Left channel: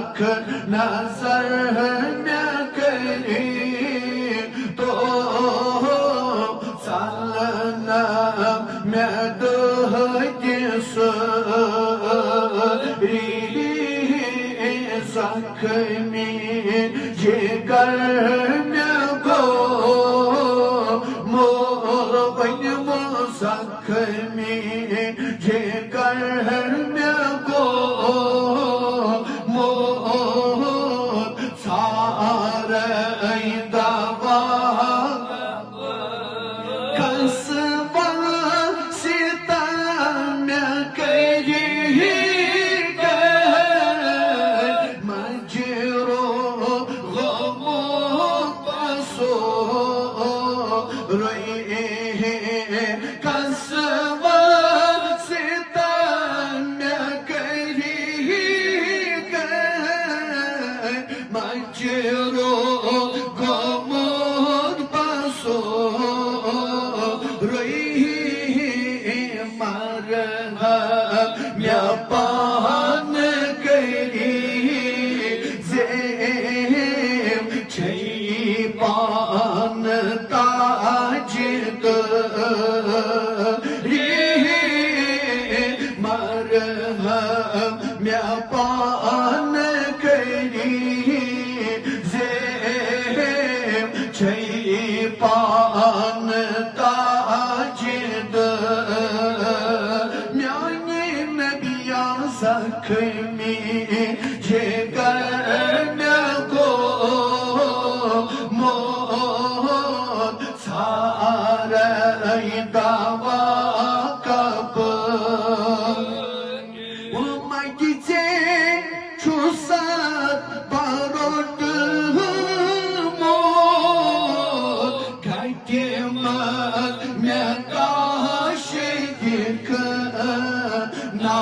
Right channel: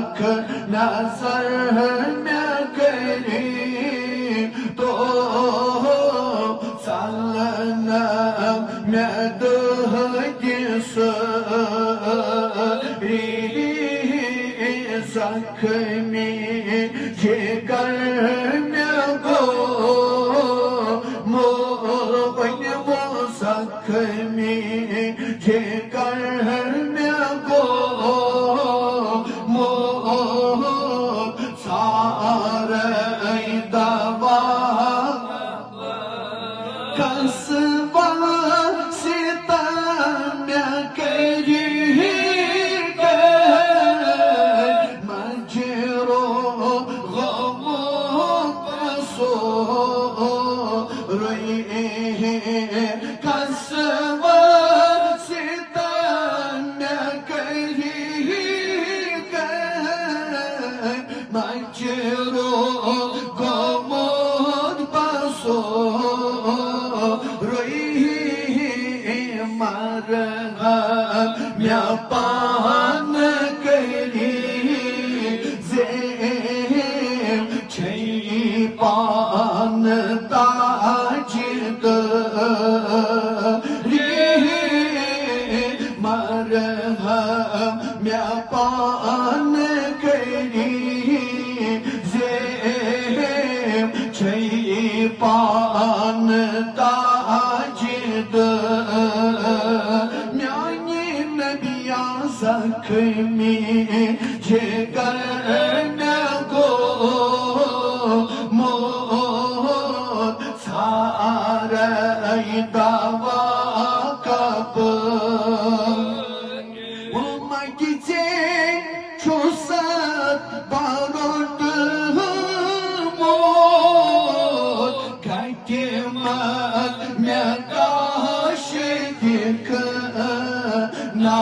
लाख नजर में करी तो सालना में जख्मी जिगर में गो मोबन वो जख्मी जिगर में गो मो सारे दवा कसबा सीता में करी पान करी ज़ेम छई पान ताजिद मरहम पान करी ज़ेम छई पान ताजिद जख्मी जिगर में गो मौत सारे दवा कब उमगिजे छुसत बारोट मौत घटे मत में काश दिख ना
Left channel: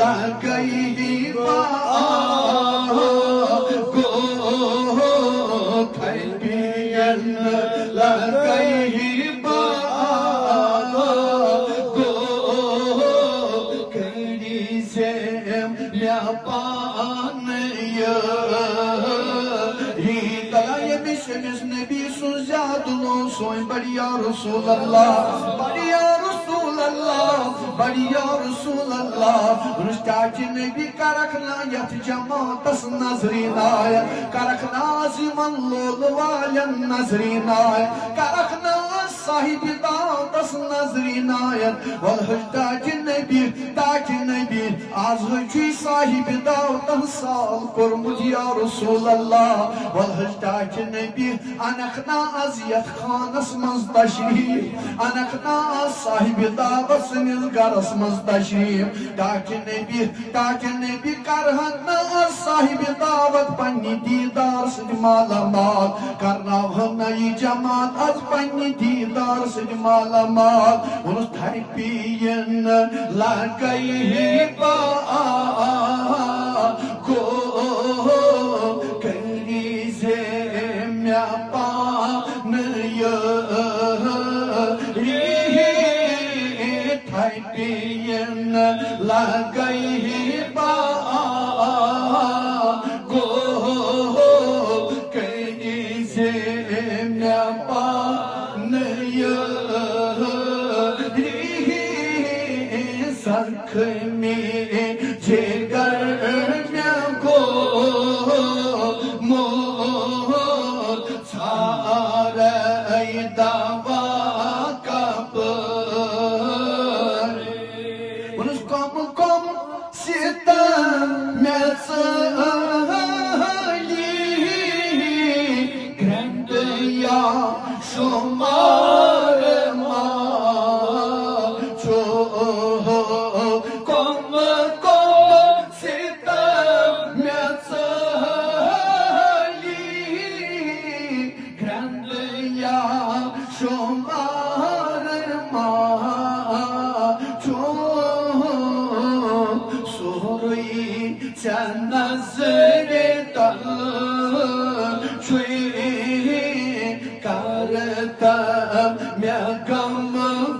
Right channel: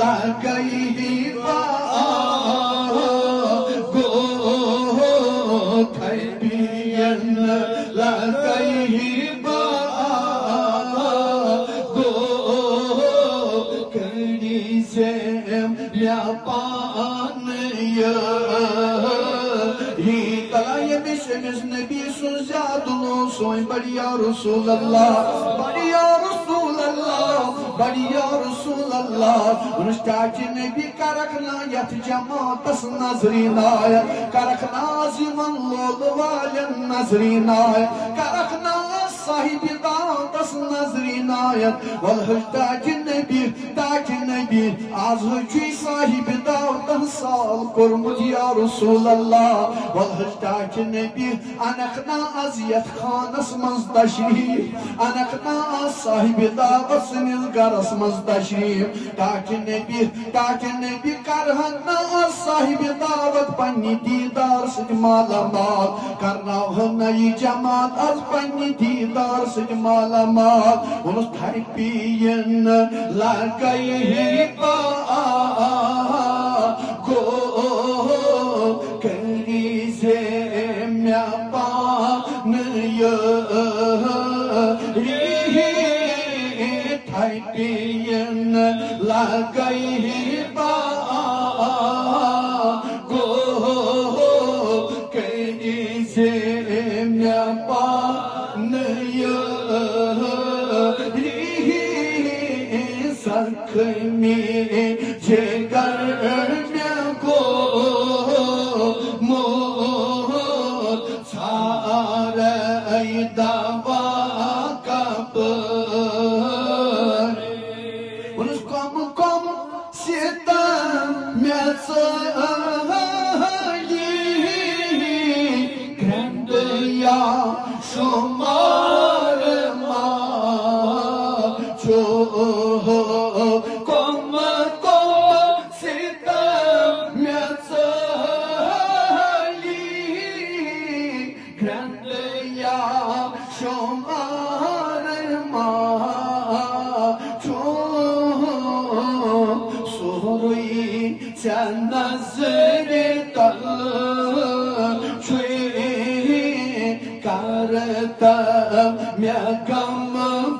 लगाई गो थैबियन लगाई गो करी से पान हिदायत बिशमिस नबी सुजादनो सोई बढ़िया रसूल अल्लाह बढ़िया बढ़िया रसूल अल्लाह रुस्ताची नबी करखना यथ जमातस नजरीनाय करखना जीवन लोल वालन नजरीनाय करखना साहिब दातस नजरीनाय वल हुस्ताची नबी आज हुची साहिब दातस साल कुरमुत या रसूल अल्लाह वल हुस्ताची नबी अनखना अजियत खानस मंज तशरीफ अनखना साहिब दातस गरस मज तशरीफ ताकि नबी करहना साहिब दावत पन्नी दीदार सद माला माल करना ये जमात आज पन्नी दीदार सद माला माल उस थैपियन लगाई पा गो करी से म्या पान थैपियन लगाई पा गो करी से म्या पान सख में जिगर में गो मोह सारे दवा कब कम सितम में ग्रंथ या शुमार जो कम सितम में ग्रंथ या शुमार जो نظر تل چوی کرتم میکم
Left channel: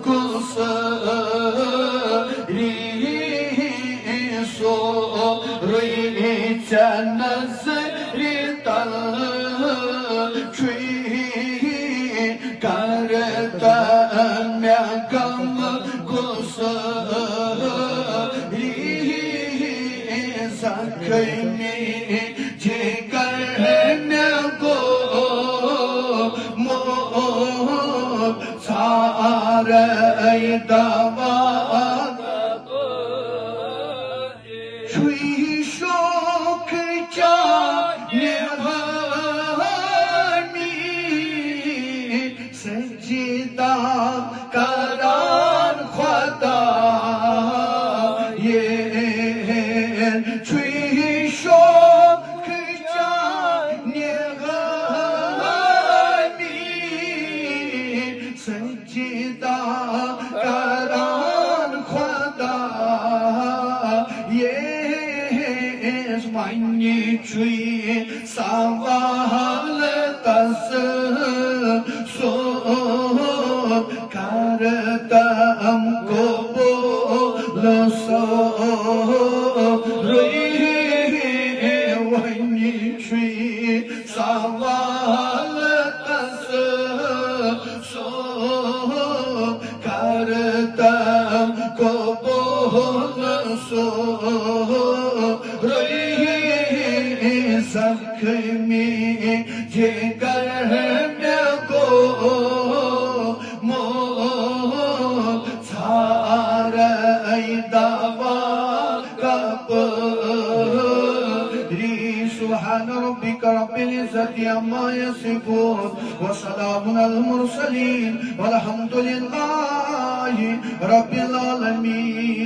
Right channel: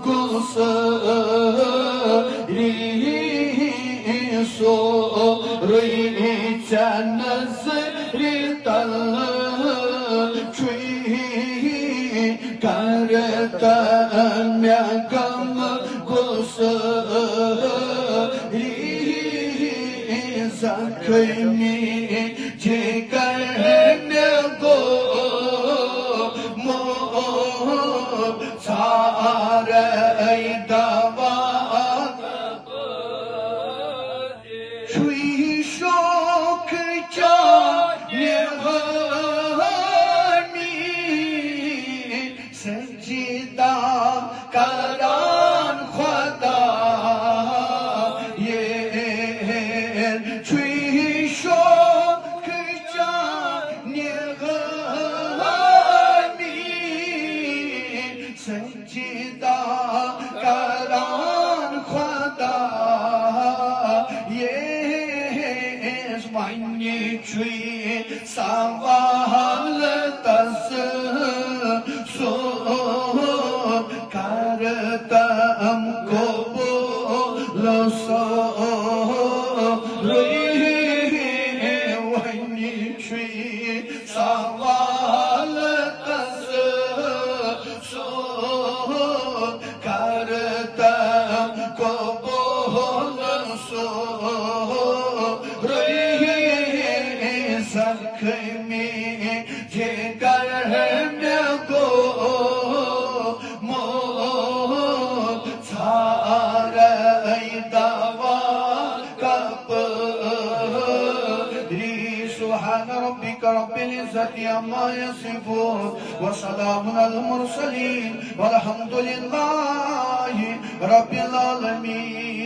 گسری سو روی نظر تل چوی کرتم میکم گسری زخمی جگر نگو مو ساره دوا چوی شوک جانهانی سجدا کران خدا چوی شوک جانهانی سجدا کران خدا مانی چوی سوال دست سو کرتم قبول سو مانی چوی سوال دست سو کرتم قبول سو زخمی جگر نگو مو ساره دوا کبری سبحان ربك رب العزة عما يصفون وسلام على المرسلين والحمد لله رب العالمين.